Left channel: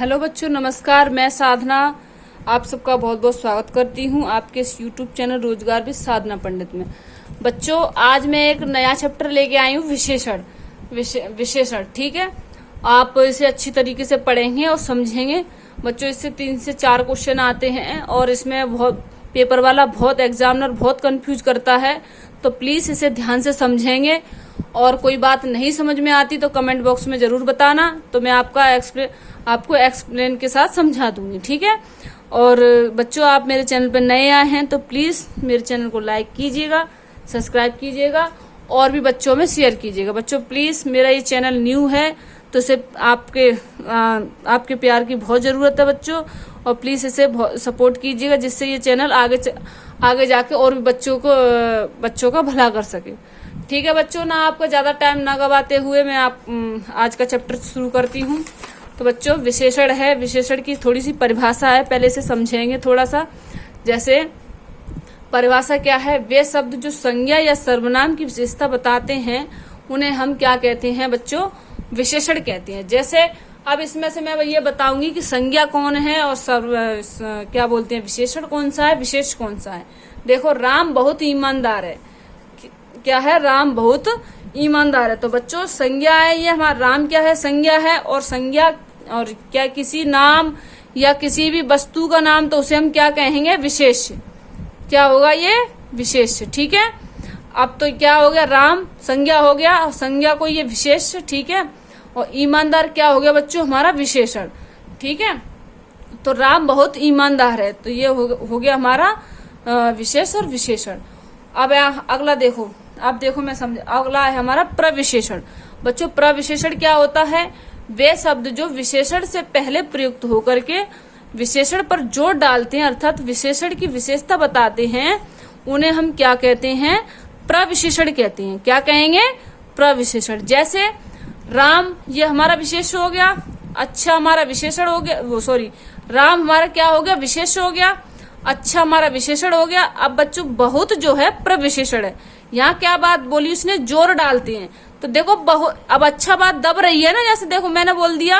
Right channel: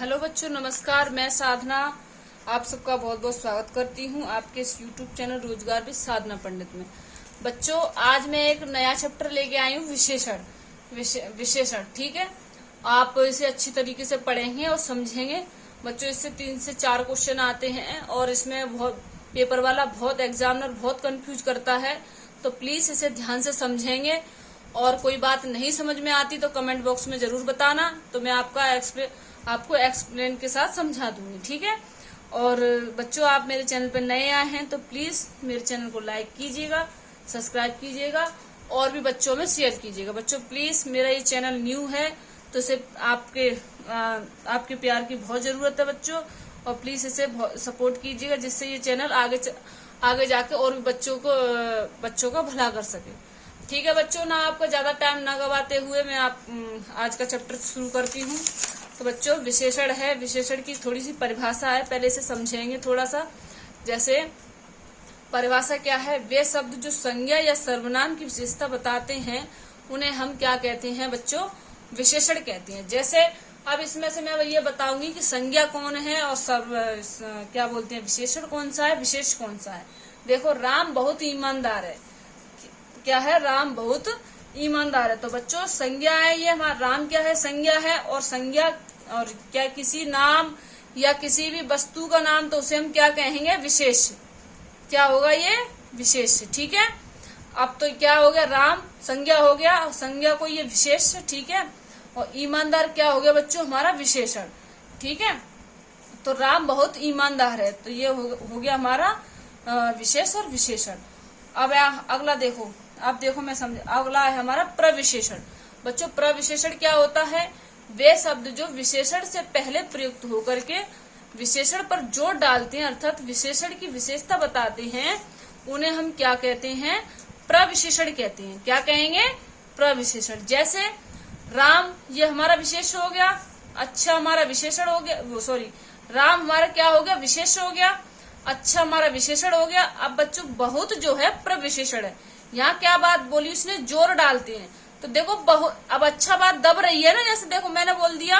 Hello बच्चों, नमस्कार। मैं साधना आप सबका बहुत बहुत स्वागत करती हूँ आपके इस यूट्यूब चैनल रोजगार भी साधना पंडित में। बच्चों, आज मैं एक नया चैप्टर लेके आई हूँ, विशेषण। ठीक है, आप इसे अच्छी तरीके से पढ़ेंगे और समझेंगे। बच्चों, इससे 3 से 4 क्वेश्चन आते हैं और इसमें बहुत पेपर वाला, बहुत एग्जामिनर बहुत कंफ्यूज करता है, तो प्लीज इसे ध्यान से समझेंगे। और कोई बात नहीं समझ में आती तो कमेंट बॉक्स में जरूर बताना, तो मैं आपको एक्सप्लेन के साथ समझा दूंगी। ठीक है। और बच्चों, आप मेरे चैनल पर नए आए हैं तो प्लीज मेरे चैनल को लाइक कीजिएगा, सब्सक्राइब कीजिएगा और भी बच्चों में शेयर कीजिएगा। बच्चों प्लीज, मेरा ये चैनल न्यू है तो इसे आपके प्यार की बहुत जरूरत है बच्चों, और प्लीज इसे सपोर्ट कीजिएगा जिससे ये चैनल आगे जाके और भी बच्चों का भला कर सके। ठीक है बच्चों, ना आपका ज्यादा टाइम ना गवाते हुए मैं आज का चैप्टर शुरू करती हूँ। तो बच्चों, विशेषण है। विशेषण की थोड़ी सी परिभाषा है, पहले इसे समझेंगे थोड़ा सा। जैसे परिभाषा क्या है, वे शब्द जो संज्ञा या सर्वनाम की विशेषता बताते हैं उन्हें हम क्या कहते हैं बच्चों, विशेषण कहते हैं। जैसे अब इसमें से मैं ये बताऊंगी कि संज्ञा कौन है और क्या बोलते हैं, विशेषण कौन सा है, विशेष कौन सा है। देखो, राम बहुत ईमानदार है। क्या है, राम बहुत ईमानदार है। तो बच्चों, संज्ञा है ये हमारा, राम क्या है, संज्ञा है। और संज्ञा और क्या, किसी नाम या किसी भी वस्तु का नाम, तो उसे हम क्या कहेंगे, विशेष। क्या होगा ये, विशेष। ठीक है। अब तो क्या हो गया, राम संज्ञा हो गया, संज्ञा को ये विशेष। ठीक है। और ईमानदार क्या हो गया बच्चों, हमारा विशेषण। ठीक है। तो राम बहुत ईमानदार है, तो ये हो गया हमारा विशेष और विशेषण। अब अगला देखो, अब देखो मैं समझ, अगला है हमारा प्रविशेषण। बच्चों, प्रविशेषण क्या होता है, वे शब्द जो विशेषण से पहले प्रयुक्त होकर के विशेषण पर जोर डालते हैं, अर्थात विशेषण की विशेषता बताते हैं, उन्हें हम क्या कहते हैं, प्रविशेषण कहते हैं। क्या कहेंगे, प्रविशेषण। जैसे राम, ये हमारा विशेष हो गया। अच्छा हमारा विशेषण हो गया, वो सॉरी, राम हमारा क्या हो गया, विशेष हो गया। अच्छा हमारा विशेषण हो गया। अब बच्चों, बहुत जो है प्रविशेषण है। यहाँ क्या बात बोली उसने, जोर डालते हैं। तो देखो, अब अच्छा बात दब रही है ना। जैसे देखो, मैंने बोल दिया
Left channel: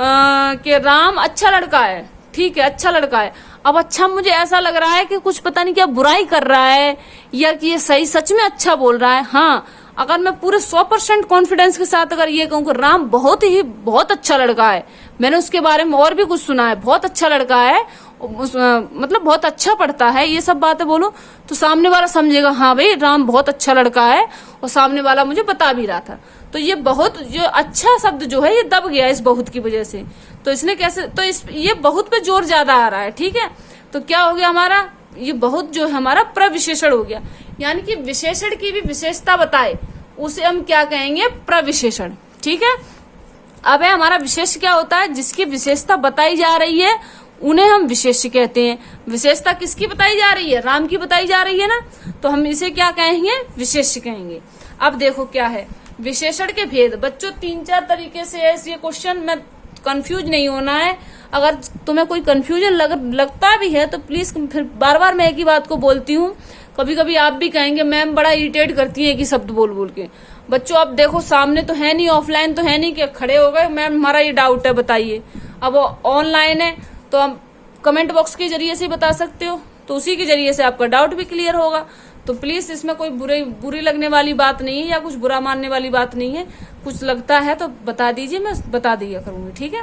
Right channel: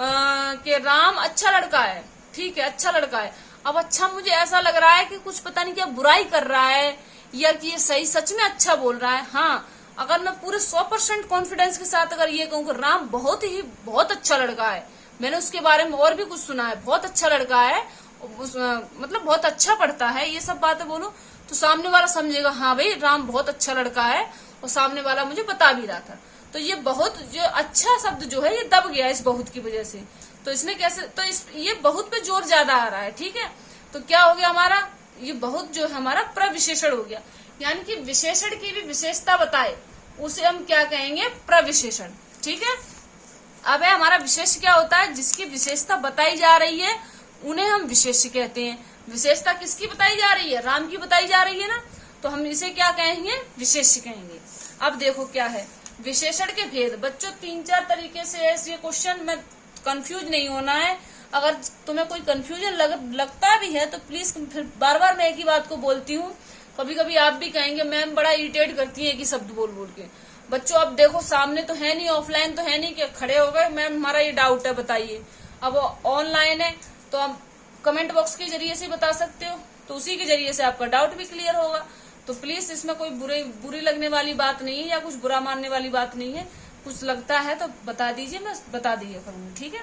कि राम अच्छा लड़का है। ठीक है, अच्छा लड़का है। अब अच्छा मुझे ऐसा लग रहा है कि कुछ पता नहीं क्या बुराई कर रहा है, या कि ये सही सच में अच्छा बोल रहा है। हाँ, अगर मैं पूरे 100% कॉन्फिडेंस के साथ अगर ये कहूँ कि राम बहुत अच्छा लड़का है, मैंने उसके बारे में और भी कुछ सुना है, बहुत अच्छा लड़का है, मतलब बहुत अच्छा पढ़ता है, ये सब बातें बोलो, तो सामने वाला समझेगा हाँ भाई राम बहुत अच्छा लड़का है, और सामने वाला मुझे बता भी रहा था। तो ये बहुत जो अच्छा शब्द जो है ये दब गया इस बहुत की वजह से। तो इसने कैसे, तो ये बहुत पे जोर ज्यादा आ रहा है। ठीक है। तो क्या हो गया हमारा, ये बहुत जो है हमारा प्रविशेषण हो गया। यानी कि विशेषण की भी विशेषता बताए उसे हम क्या कहेंगे, प्रविशेषण। ठीक है। अब है हमारा विशेष क्या होता है, जिसकी विशेषता बताई जा रही है उन्हें हम विशेष कहते हैं। विशेषता किसकी बताई जा रही है, राम की बताई जा रही है ना, तो हम इसे क्या कहेंगे, विशेष कहेंगे। अब देखो क्या है, विशेषण के भेद। बच्चों, 3-4 तरीके से है ये क्वेश्चन में, कंफ्यूज नहीं होना है। अगर तुम्हें कोई कंफ्यूजन लगता भी है तो प्लीज, फिर बार बार मैं एक ही बात को बोलती हूँ, कभी कभी आप भी कहेंगे मैम बड़ा इरिटेट करती है एक ही शब्द बोल बोल के। बच्चों, अब देखो, सामने तो है नहीं, ऑफलाइन तो है नहीं कि खड़े हो गए मैम हमारा ये डाउट है बताइए। अब ऑनलाइन है तो हम कमेंट बॉक्स के जरिए से बता सकते हो, तो उसी के जरिए से आपका डाउट भी क्लियर होगा। तो प्लीज, इसमें कोई बुरी लगने वाली बात नहीं है या कुछ बुरा मानने वाली बात नहीं है। कुछ लगता है तो बता दीजिए, मैं बता दिया करूंगी। ठीक है।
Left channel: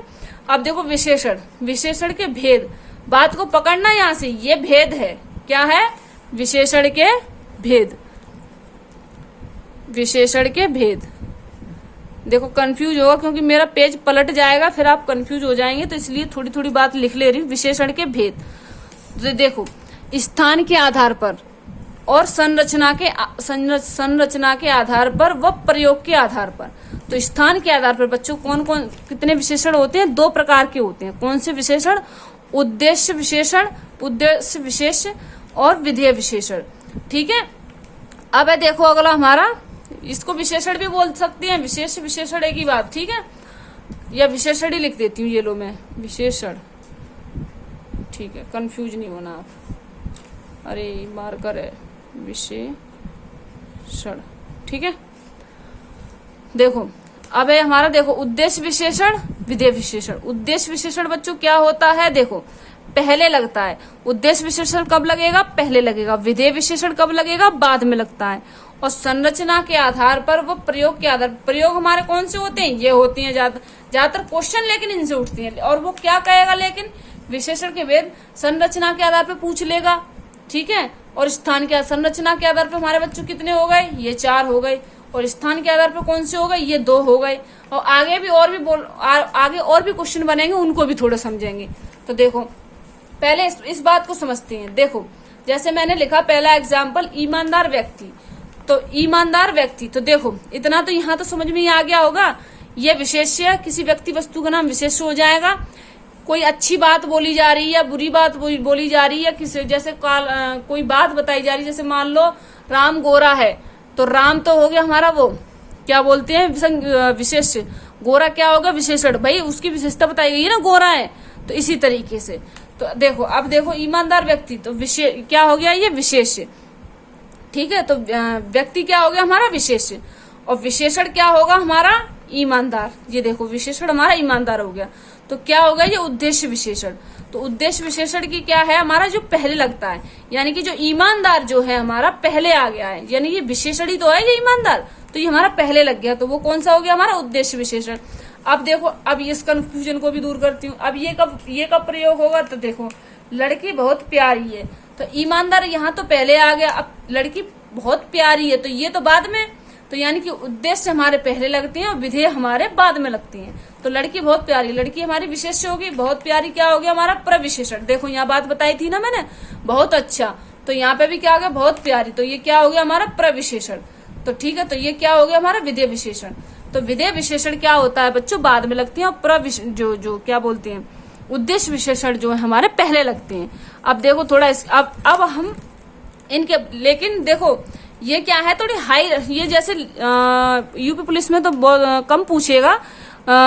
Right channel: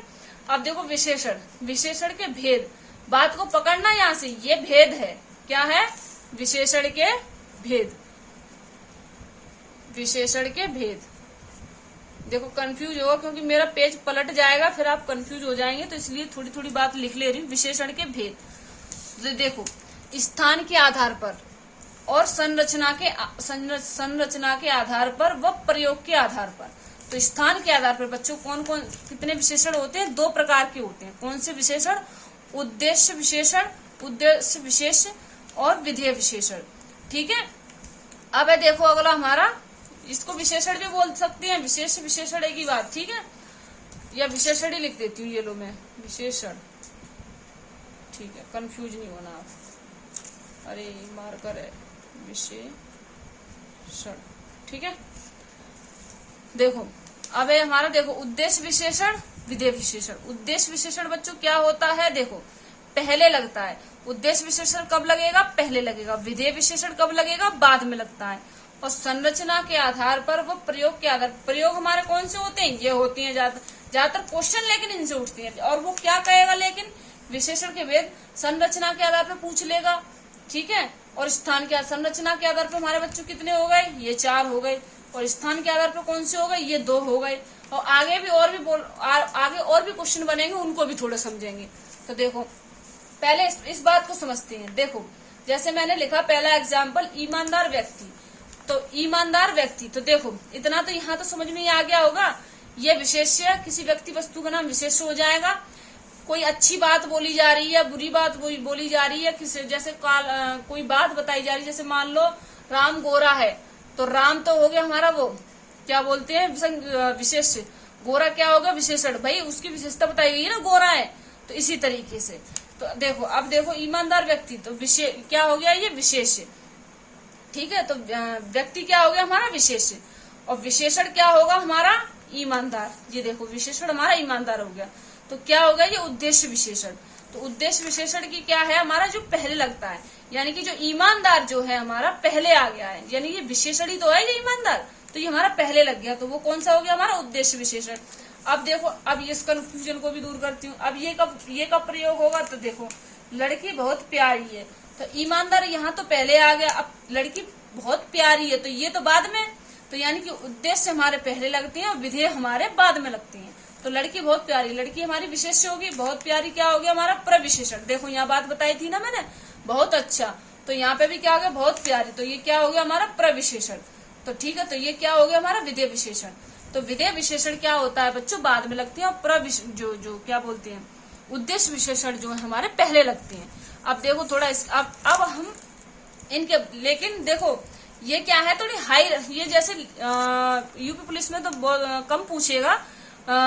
अब देखो, विशेषण, विशेषण के भेद, बात को पकड़ना यहाँ से, ये भेद है। क्या है, विशेषण के भेद। विशेषण के भेद देखो, कंफ्यूज होगा क्योंकि मेरा पेज पलट जाएगा, फिर आप कंफ्यूज हो जाएंगे, तो इसलिए थोड़ी थोड़ी बात लिख ले रही हूँ। विशेषण के भेद, तो देखो, स्थान के आधार पर और संरचना के आधार पर व प्रयोग के आधार पर। तो स्थान के आधार पर बच्चों कौन कौन कितने विशेषण होते हैं, 2 प्रकार के होते हैं। कौन से विशेषण, उद्देश्य विशेषण, उद्देश्य विशेष और विधेय विशेषण। ठीक है। अब है देखो अगला हमारा, इसको विशेषण भी बोल सकते हैं, विशेष विशेषण एक ही बात। ठीक है, या विशेषण ही लिख देती हूँ, ये लो मैं विशेषण। ठीक है, कंफ्यूज नहीं होना आप। अरे मार्कर है, विशेषण। ठीक है। देखो, अब है हमारा देखो उद्देश्य विशेषण, विधेय विशेषण। उद्देश्य विशेषण बच्चों क्या होता है, देखो पहले लगता है। उद्देश्य विशेषण कब लगेगा, पहले लगेगा। विधेय विशेषण कब लगेगा, बाद में लगता है। और संरचना के आधार पर, वो प्रयोग के आधार, प्रयोग हमारे कौन से होते हैं, ये होती हैं ज्यादातर क्वेश्चन, लेकिन इनसे उठती हैं। और वो क्या कहेगा, लेकिन विशेषण के भेद संरचना के आधार पर पूछ लेगा, ठीक है। और स्थान के, संरचना के आधार पर हमारे बच्चों कितने हो गए, ये 4 हो गए। और स्थान के आधार पर कौन से हो गए, ये 2 हो गए। और आगे भी आगे और भी क्वेश्चन बनेंगे, उनको भी थोड़ा समझेंगे। तो देखो पहले इस बात को समझते हैं। देखो जैसे मैंने लिखा पहला एग्जाम्पल, ईमानदार व्यक्ति। तो ईमानदार व्यक्ति, तो देखो इतना तो यहाँ तो समझ में ही आ गया होगा। ये विशेष्य, किसी व्यक्ति वस्तु का नाम विशेष्य हो जाएगा। कोई अच्छी बात बोली जा रही है, बुरी बात बोली जा रही है, किसी जैसे कोई बात बताई जा रही है, जैसे मान लो राम गोरा है, तो राम तो हो गया हमारा वो क्या बोलते हैं विशेष्य, गोरा क्या होगा विशेषण, भाई उसकी विशेषता बताई गई है ना, गोरा है। तो इसी तरीके से तो देखो, अब देखो ईमानदार व्यक्ति, तो क्या हो गया, ये विशेष्य, ठीक है। तो व्यक्ति क्या हो गया हमारा विशेष्य, और विशेषण क्या होगा हमारा ईमानदार। ये देखो विशेषण हमारा ईमानदार हो गया। तो क्या होगा, ये उद्देश्य विशेषण। तो उद्देश्य विशेषण की क्या है, हमारा जो पहले लगता है, यानी कि जो ईमानदार जो है हमारा पहले आ गया है, यानी ये विशेषण ही तो है ये ईमानदार, तो ये हमारा पहले लग गया। तो वो कौन सा हो गया हमारा उद्देश्य विशेषण। अब देखो, अब इस कंफ्यूजन को भी दूर करती हूँ। अब ये कब प्रयोग होगा, तो देखो लड़की बहुत प्यारी है, तो ईमानदार यहाँ तो पहले आ गया। अब लड़की बहुत प्यारी है, तो ये तो बाद में, तो यानी कि उद्देश्य हमारे पहले लगते हैं और विधेय हमारे बाद में लगती हैं। तो लड़की बहुत प्यारी, लड़की हमारी विशेष्य होगी। बहुत प्यारी क्या हो गया हमारा प्रविशेषण। देखो यहाँ बात बताई थी ना मैंने, बहुत अच्छा। तो यहाँ पे भी क्या हो गया, बहुत प्यारी, तो ये क्या हो गया हमारा प्रविशेषण। तो ठीक है, तो ये क्या हो गया हमारा विधेय विशेषण। तो विधेय विशेषण क्या होता है बच्चों, बाद में लगती है। और जो क्या बोलते हैं उद्देश्य विशेषण जो है हमारे पहले लगते हैं। अब देखो थोड़ा अब हम इनके, लेकिन देखो ये क्या है थोड़ी हाई, ये जैसे यूपी पुलिस में तो कम पूछेगा,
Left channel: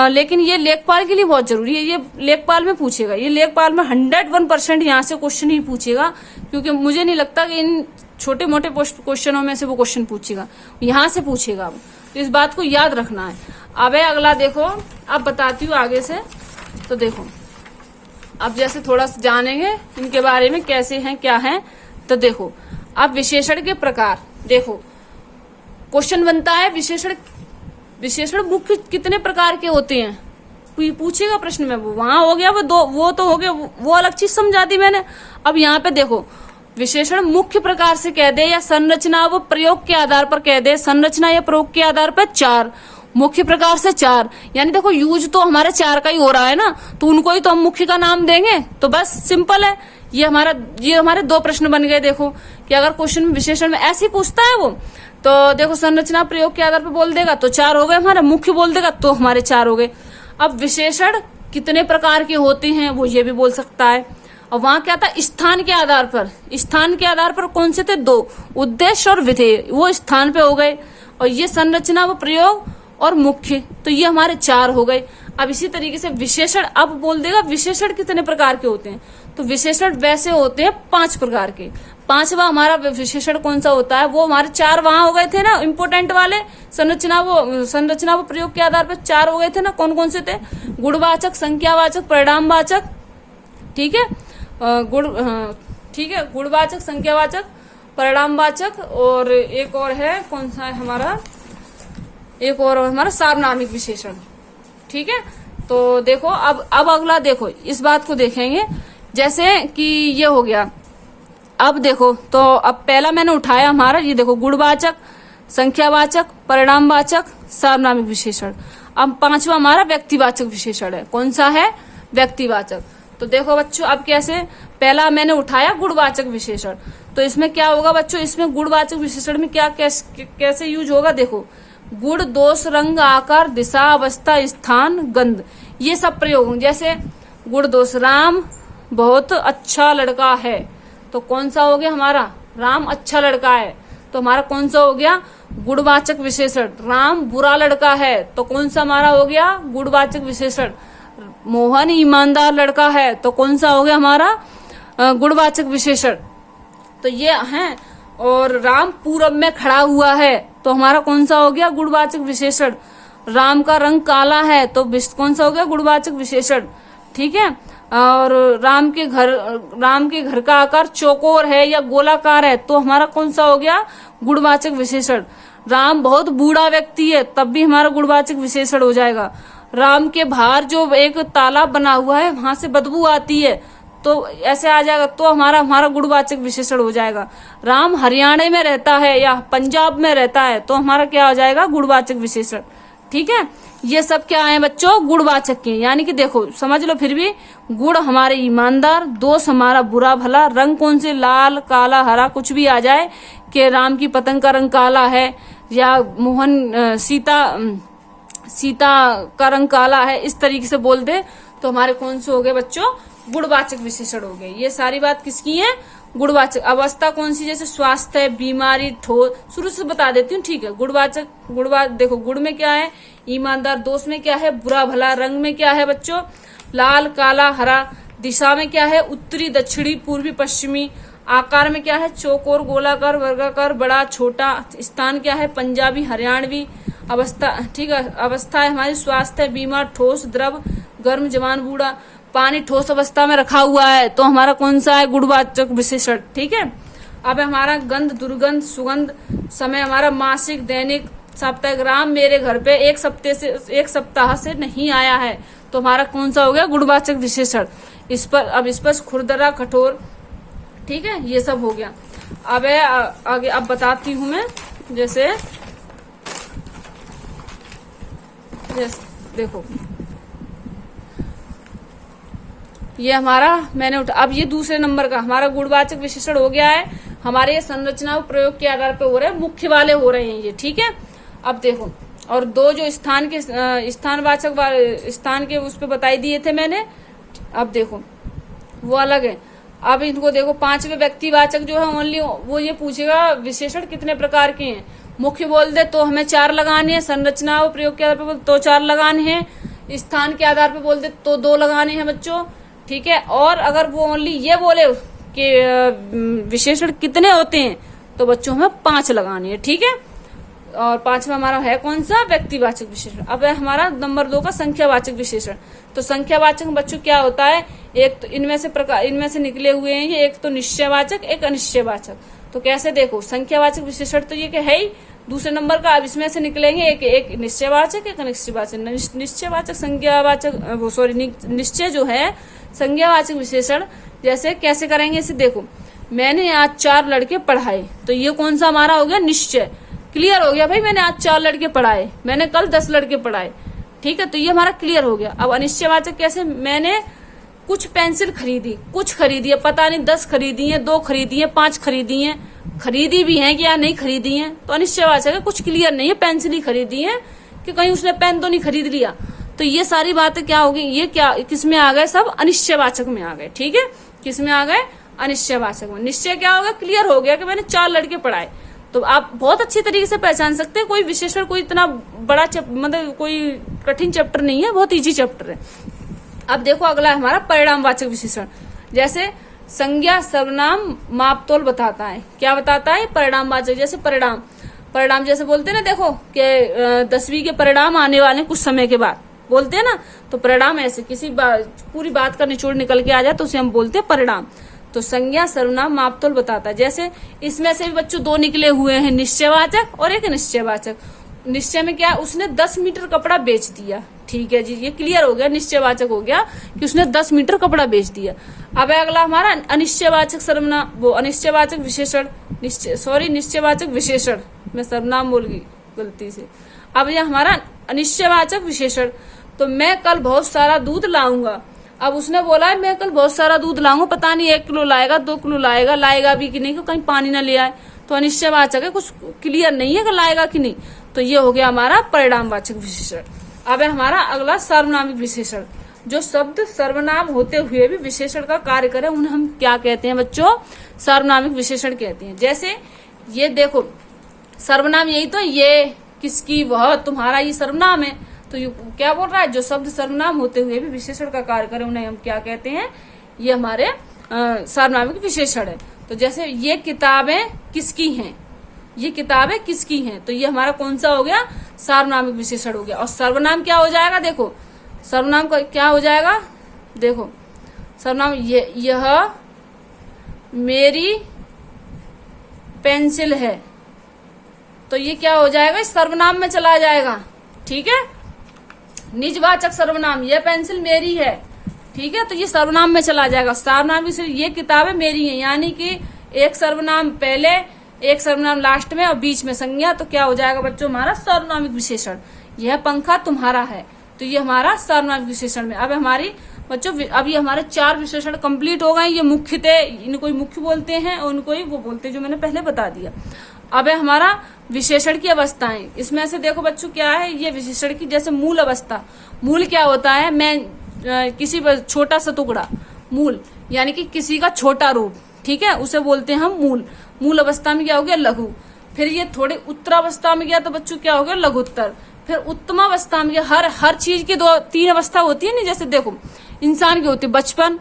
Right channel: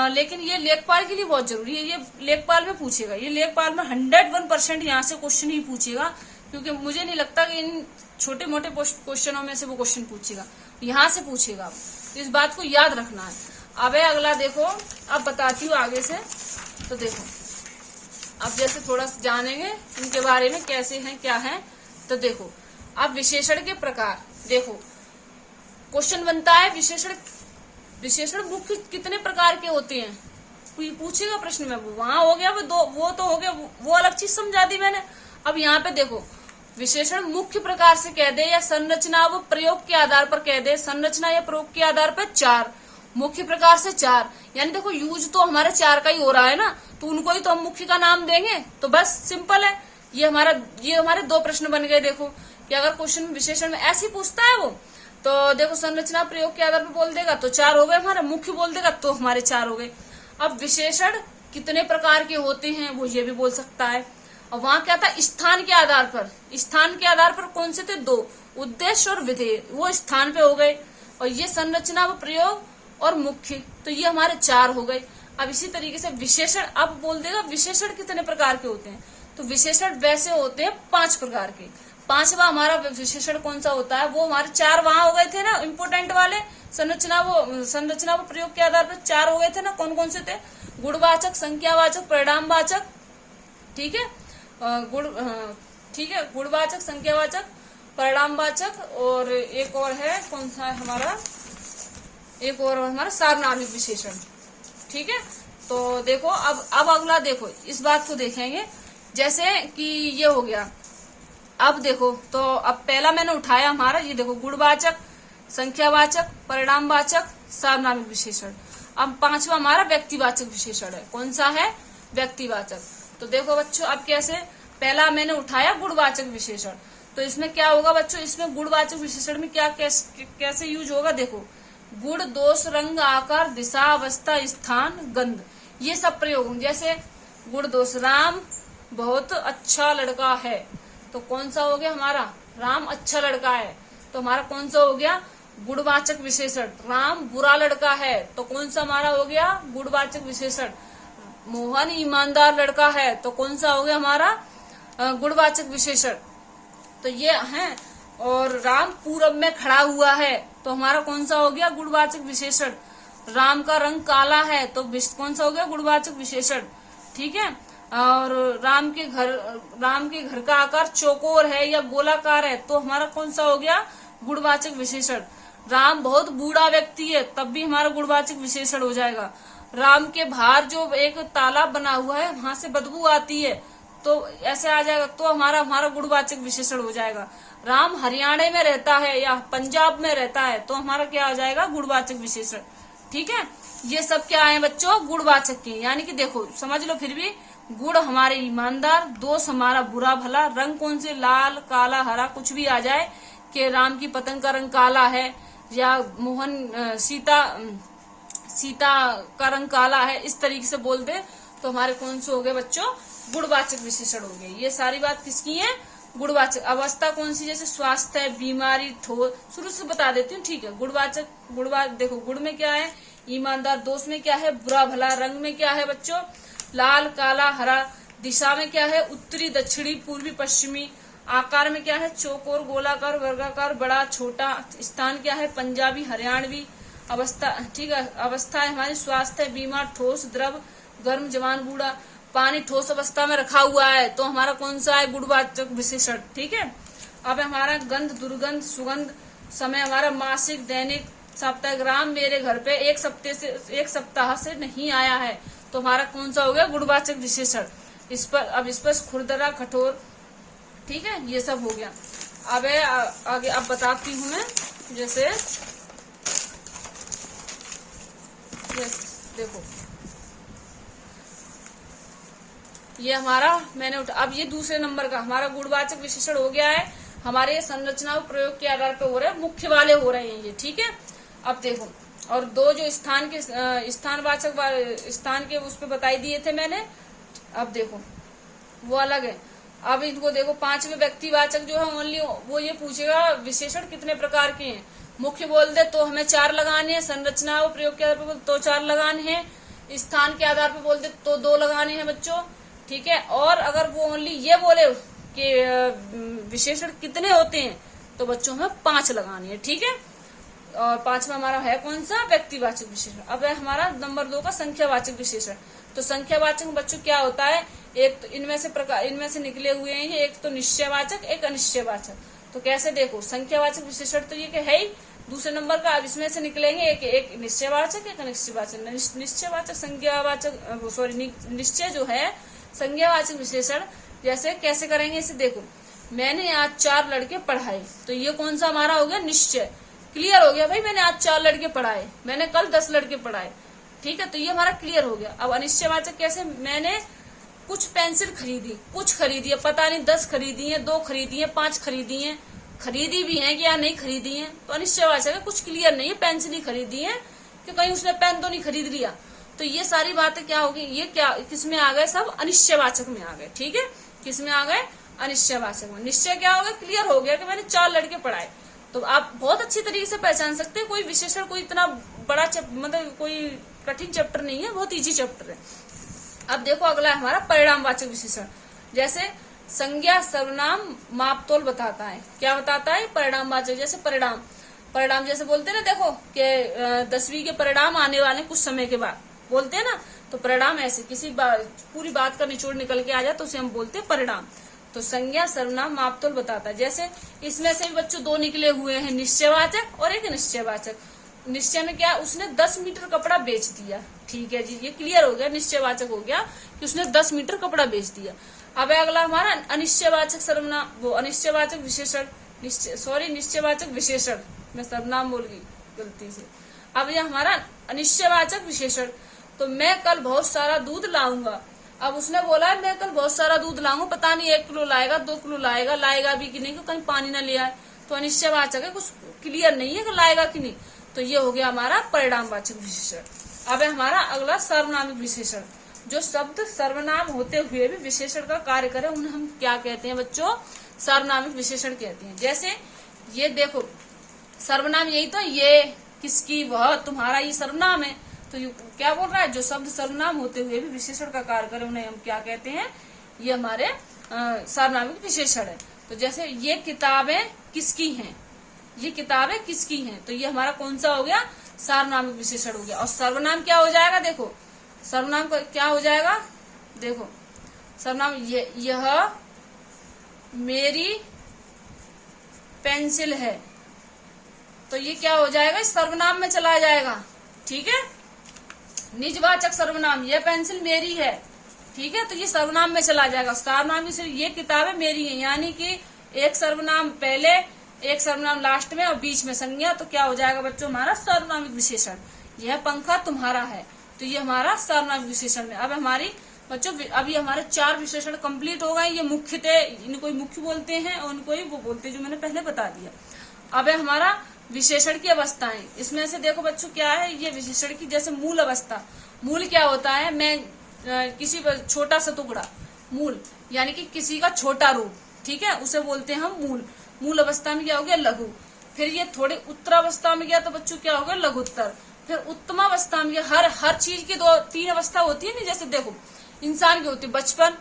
लेकिन ये लेखपाल के लिए बहुत जरूरी है। ये लेखपाल में पूछेगा, ये लेखपाल में 101% यहाँ से क्वेश्चन ही पूछेगा, क्योंकि मुझे नहीं लगता कि इन छोटे मोटे क्वेश्चनों में से वो क्वेश्चन पूछेगा, यहाँ से पूछेगा। तो इस बात को याद रखना है। अब अगला देखो, अब बताती हूँ आगे से। तो देखो अब जैसे थोड़ा सा जानेंगे इनके बारे में, कैसे हैं क्या है। तो देखो अब विशेषण के प्रकार, देखो क्वेश्चन बनता है विशेषण मुख्य कितने प्रकार के होते हैं, पूछेगा प्रश्न में। वो वहां हो गया, वो तो हो गया, वो अलग चीज समझा दी मैंने। अब यहाँ पे देखो विशेषण मुख्य प्रकार से कह दे, या संरचना व प्रयोग के आधार पर कह दे। संरचना या प्रयोग के आधार पर 4, मुख्य प्रकार से 4, यानी देखो यूज तो हमारे 4 का ही हो रहा है ना, तो उनको ही तो हम मुख्य का नाम देंगे। तो बस सिंपल है। ये हमारे 2 प्रश्न बन गए। देखो कि अगर क्वेश्चन विशेषण में ऐसे ही पूछता है वो, तो देखो संरचना प्रयोग के आधार पर बोल देगा तो 4 हो गए हमारा, मुख्य बोल देगा तो हमारे 4 हो गए। अब विशेषण कितने प्रकार के होते हैं वो ये भी बोल सकता है। और वहां क्या था, स्थान के आधार पर कौन से थे, 2, उद्देश्य और विधेय, वो स्थान पे हो गए। और ये संरचना व प्रयोग और मुख्य, तो ये हमारे 4 हो गए। अब इसी तरीके से विशेषण, अब बोल देगा विशेषण कितने प्रकार के होते हैं, तो विशेषण वैसे होते हैं 5 प्रकार के। 5वां हमारा विशेषण कौन सा होता है, वो हमारे 4 वहां हो गए थे ना इंपोर्टेंट वाले। संरचना वो प्रयोग के आधार पर 4 हो गए थे ना, कौन कौन से थे, गुणवाचक, संख्यावाचक, परिणामवाचक, ठीक है, गुणवाचक, संख्यावाचक, परिणामवाचक, और एक और है कौन सा है हमारा, एक और हमारा सार्वनामिक विशेषण, ठीक है। तो देखो अब अगला देखो, इस बात को देखेंगे। जैसे कि ये हो गया, अब देखो तो अब पहला मैंने उठाया हमारा, ये देखो गुणवाचक, संख्यावाचक, परिणामवाचक, सार्वनामिक विशेषण। अब 5वां हमारा व्यक्तिवाचक विशेषण है। कौन सा है, व्यक्तिवाचक। तो देखो बच्चों अब कैसे, पहला मैंने उठाया गुणवाचक विशेषण, तो इसमें क्या होगा बच्चों, इसमें गुणवाचक विशेषण में क्या कैसे यूज होगा, देखो गुण, दोष, रंग, आकार, दिशा, अवस्था, स्थान, गंध, ये सब प्रयोग। जैसे गुण दोष, राम बहुत अच्छा लड़का है, तो कौन सा हो गया हमारा, राम अच्छा लड़का है, तो हमारा कौन सा हो गया, गुणवाचक विशेषण। राम बुरा लड़का है, तो कौन सा हमारा हो गया, गुणवाचक विशेषण। मोहन ईमानदार लड़का है, तो कौन सा हो गया हमारा, गुणवाचक विशेषण। तो ये है। और राम पूरब में खड़ा हुआ है, तो हमारा कौन सा हो गया, गुणवाचक विशेषण। राम का रंग काला है तो कौन सा हो गया, गुणवाचक विशेषण। ठीक है। और राम के घर का आकार चौकोर है या गोलाकार है तो हमारा कौन सा हो गया, गुणवाचक विशेषण। राम बहुत बूढ़ा व्यक्ति है तब भी हमारा गुणवाचक विशेषण हो जाएगा। राम के बाहर जो एक तालाब बना हुआ है वहां से बदबू आती है तो ऐसे आ जाएगा तो हमारा गुणवाचक विशेषण हो जाएगा। राम हरियाणा में रहता है या पंजाब में रहता है तो हमारा क्या हो जाएगा, गुणवाचक विशेषण। ठीक है। ये सब क्या है बच्चों, गुणवाचक के। यानी कि देखो समझ लो फिर भी, गुण हमारे ईमानदार, दोष हमारा बुरा भला, रंग कौन से, लाल काला हरा कुछ भी आ जाए कि राम की पतंग का रंग काला है या सीता का रंग काला है, इस तरीके से बोल दे तो हमारे कौन से हो गए बच्चों, गुणवाचक विशेषण हो गए। ये सारी बात किसकी है, गुणवाचक। अवस्था कौन सी, जैसे स्वास्थ्य, बीमारी, ठोस, शुरू से बता देती हूँ। ठीक है। देखो गुण में क्या है, ईमानदार, दोष में क्या है, बुरा भला, रंग में क्या है बच्चों, लाल काला हरा, दिशा में क्या है, उत्तरी दक्षिणी पूर्वी पश्चिमी, आकार में क्या है, चौकोर गोलाकार वर्गाकार बड़ा छोटा, स्थान क्या है, पंजाबी हरियाणवी, अवस्था, ठीक है, अवस्था है हमारी स्वास्थ्य, बीमार, ठोस, द्रव, गर्म, जवान, बूढ़ा, पानी ठोस अवस्था में रखा हुआ है तो हमारा कौन सा है, गुणवाचक विशेषण। ठीक है। अब हमारा गंध, दुर्गंध, सुगंध, समय हमारा मासिक, दैनिक, साप्ताहिक। राम मेरे घर पे एक सप्ताह से नहीं आया है तो हमारा कौन सा हो गया, गुणवाचक विशेषण। इस पर खुरदरा, कठोर। ठीक है। ये सब हो गया। अब आगे अब बताती हूँ मैं, जैसे देखो ये हमारा मैंने अब ये दूसरे नंबर का हमारा गुणवाचक विशेषण हो गया है। हमारे संरचना प्रयोग के आधार पे हो रहे हैं, मुख्य वाले हो रहे हैं ये। ठीक है। अब देखो, और दो जो स्थान के उस पे बताई दिए थे मैंने, अब देखो वो अलग है। अब इनको देखो, पांचवें व्यक्तिवाचक जो है ओनली वो ये पूछेगा विशेषण कितने प्रकार के हैं। मुख्य बोल दे तो हमें 4 लगाने हैं, संरचना और प्रयोग के आधार पर तो 4 लगाने हैं, स्थान के आधार पर बोल दे तो 2 लगाने हैं बच्चों। ठीक है। और अगर वो ओनली ये बोले कि विशेषण कितने होते हैं तो बच्चों हमें 5 लगाने हैं। ठीक है। और 5वां हमारा है कौन सा, व्यक्तिवाचक विशेषण। अब है हमारा नंबर 2 का संख्यावाचक विशेषण। तो संख्यावाचक बच्चों क्या होता है, एक तो इनमें से निकले हुए हैं, एक तो निश्चयवाचक, एक अनिश्चयवाचक। तो कैसे देखो, संख्यावाचक विशेषण तो ये है ही दूसरे नंबर का। अब इसमें से निकलेंगे एक निश्चयवाचक, एक अनिश्चयवाचक। निश्चयवाचक निश्चय जो है संज्ञावाचक विशेषण, जैसे कैसे करेंगे इसे देखो, मैंने आज 4 लड़के पढ़ाए तो ये कौन सा हमारा हो गया, निश्चय। क्लियर हो गया भाई, मैंने आज 4 लड़के पढ़ाए, मैंने कल 10 लड़के पढ़ाए। ठीक है। तो ये हमारा क्लियर हो गया। अब अनिश्चयवाचक कैसे, मैंने कुछ पेंसिल खरीदी, कुछ खरीदी है, पता नहीं 10 खरीदी है, 2 खरीदी है, 5 खरीदी है, खरीदी भी है कि या नहीं खरीदी है, तो अनिश्चयवाचक है, कुछ क्लियर नहीं है, पेंसिल ही खरीदी है कि कहीं उसने पेन तो नहीं खरीद लिया। तो ये सारी बातें क्या होगी, ये क्या किस में आ गए, सब अनिश्चयवाचक में आ गए। ठीक है। किस में आ गए, अनिश्चयवाचक में। निश्चय क्या होगा, क्लियर हो गया कि मैंने 4 लड़के पढ़ाए। तो आप बहुत अच्छी तरीके से पहचान सकते हैं। कोई विशेषण कोई इतना बड़ा मतलब कोई कठिन चैप्टर नहीं है, बहुत इजी चैप्टर है। अब देखो अगला है हमारा परिणामवाचक विशेषण। जैसे संज्ञा, सर्वनाम, मापतोल बताता है। क्या बताता है, परिणामवाचक। जैसे परिणाम जैसे बोलते हैं ना, देखो कि 10वीं के परिणाम आने वाले कुछ समय के बाद, बोलते हैं ना। तो परिणाम ऐसे किसी पूरी बात का निचोड़ निकल के आ जाए तो उसे हम बोलते हैं परिणाम। तो संज्ञा, सर्वनाम, मापतोल बताता है। जैसे इसमें से भी बच्चों 2 निकले हुए हैं, निश्चयवाचक और एक अनिश्चयवाचक। निश्चय में क्या, उसने 10 मीटर कपड़ा बेच दिया। ठीक है जी, ये क्लियर हो गया, निश्चयवाचक हो गया कि उसने 10 मीटर कपड़ा बेच दिया। अब अगला हमारा अनिश्चयवाचक सर्वनाम, वो अनिश्चयवाचक विशेषण, निश्चयवाचक विशेषण, मैं सर्वनाम बोल गई गलती से। अब यह हमारा अनिश्चयवाचक विशेषण। तो मैं कल बहुत सारा दूध लाऊंगा। अब उसने बोला है मैं कल बहुत सारा दूध लाऊंगा, पता नहीं 1 किलो लाएगा, 2 किलो लाएगा भी कि नहीं, कि कहीं पानी ना ले आए। तो अनिश्चयवाचक है, कुछ क्लियर नहीं है कि लाएगा कि नहीं। तो ये हो गया हमारा परिणामवाचक विशेषण। अब है हमारा अगला सर्वनामिक विशेषण। जो शब्द सर्वनाम होते हुए भी विशेषण का कार्य करे उन्हें हम क्या कहते हैं बच्चों, सर्वनामिक विशेषण कहते हैं। जैसे ये देखो, सर्वनाम यही तो, ये, किसकी, वह, तुम्हारा, ये सर्वनाम है। तो ये क्या बोल रहा है, जो शब्द सर्वनाम होते हुए भी विशेषण का कार्य करे उन्हें हम क्या कहते हैं, ये हमारे सर्वनामिक विशेषण है। तो जैसे ये किताबें किसकी हैं, ये किताबें किसकी हैं। तो ये हमारा कौन सा हो गया, सार्वनामिक विशेषण हो गया। और सर्वनाम क्या हो जाएगा, देखो सर्वनाम क्या हो जाएगा, देखो सर्वनाम यह मेरी पेंसिल है, तो ये क्या हो जाएगा, इस सर्वनाम में चला जाएगा। ठीक है, निजवाचक सर्वनाम, यह पेंसिल मेरी है, ठीक है, तो ये सर्वनाम में चला जाएगा। सर्वनाम ये किताबें मेरी हैं, यानी कि एक सर्वनाम पहले, एक सर्वनाम लास्ट में और बीच में संज्ञा, तो क्या हो जाएगा बच्चों हमारा सर्वनामिक विशेषण। यह पंखा तुम्हारा है, तो ये हमारा सर्वनामिक विशेषण में। अब हमारी बच्चों अभी हमारे 4 विशेषण कंप्लीट हो गए। ये मुख्य थे, इनको मुख्य बोलते हैं और उनको ही वो बोलते हैं जो मैंने पहले बता दिया। अब है हमारा विशेषण की अवस्थाएं। इसमें से देखो बच्चों क्या है, ये विशेषण की जैसे मूल अवस्था। मूल क्या होता है, मैं किसी छोटा सा टुकड़ा, मूल यानी कि किसी का छोटा रूप, ठीक है, उसे बोलते हैं हम मूल। मूल अवस्था में क्या हो गया, लघु। फिर ये थोड़ी उत्तरावस्था में गया तो बच्चों क्या हो गया, लघुत्तर। फिर उत्तमावस्था में गया, हर चीज की 2-3 अवस्था होती है ना, जैसे देखो इंसान की होती है बचपन,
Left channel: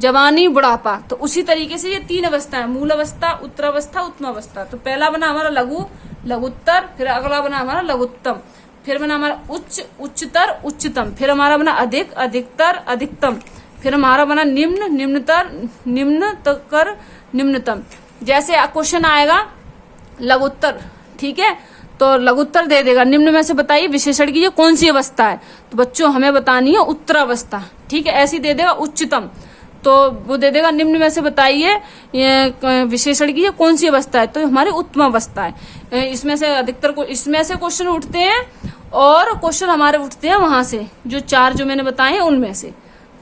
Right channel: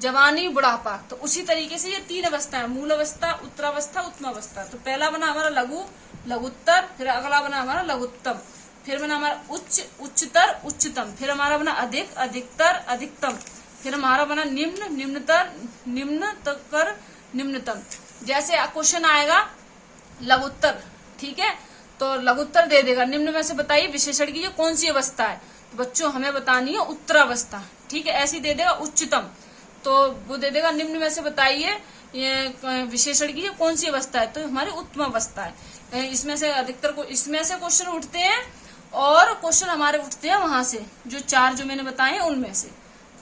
जवानी, बुढ़ापा, तो उसी तरीके से ये 3 अवस्था है, मूल अवस्था, उत्तरावस्था, उत्तमावस्था। तो पहला बना हमारा लघु, लघुत्तर, फिर अगला बना हमारा लघुत्तम, फिर बना हमारा उच्च, उच्चतर, उच्चतम, फिर हमारा बना अधिक, अधिकतर, अधिकतम, फिर हमारा बना निम्न, निम्नतर, निम्नतर, निम्नतम। जैसे क्वेश्चन आएगा लघुत्तर, ठीक है, तो लघुत्तर दे देगा निम्न में से बताइए विशेषण की ये कौन सी अवस्था है, तो बच्चों हमें बतानी है उत्तरावस्था, ठीक है। ऐसी दे देगा उच्चतम, तो वो दे देगा निम्न में से बताइए ये विशेषण की ये कौन सी अवस्था है, तो हमारी उत्तमावस्था है। इसमें से अधिकतर को इसमें से क्वेश्चन उठते हैं और क्वेश्चन हमारे उठते हैं वहां से, जो 4 जो मैंने बताए उनमें से,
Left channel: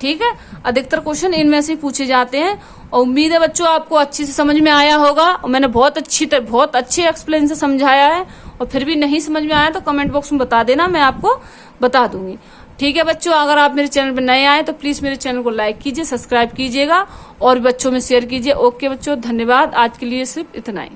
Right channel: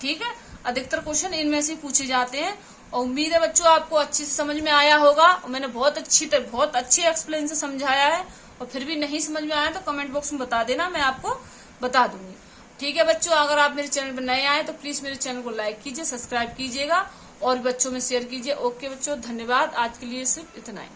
ठीक है। अधिकतर क्वेश्चन इनमें से पूछे जाते हैं। और उम्मीद है बच्चों आपको अच्छे से समझ में आया होगा, और मैंने बहुत अच्छे एक्सप्लेन से समझाया है। और फिर भी नहीं समझ में आया तो कमेंट बॉक्स में बता देना, मैं आपको बता दूंगी, ठीक है बच्चों। अगर आप मेरे चैनल पर नए आए तो प्लीज मेरे चैनल को लाइक कीजिए, सब्सक्राइब कीजिएगा और बच्चों में शेयर कीजिए। ओके बच्चों, धन्यवाद। आज के लिए सिर्फ इतना ही।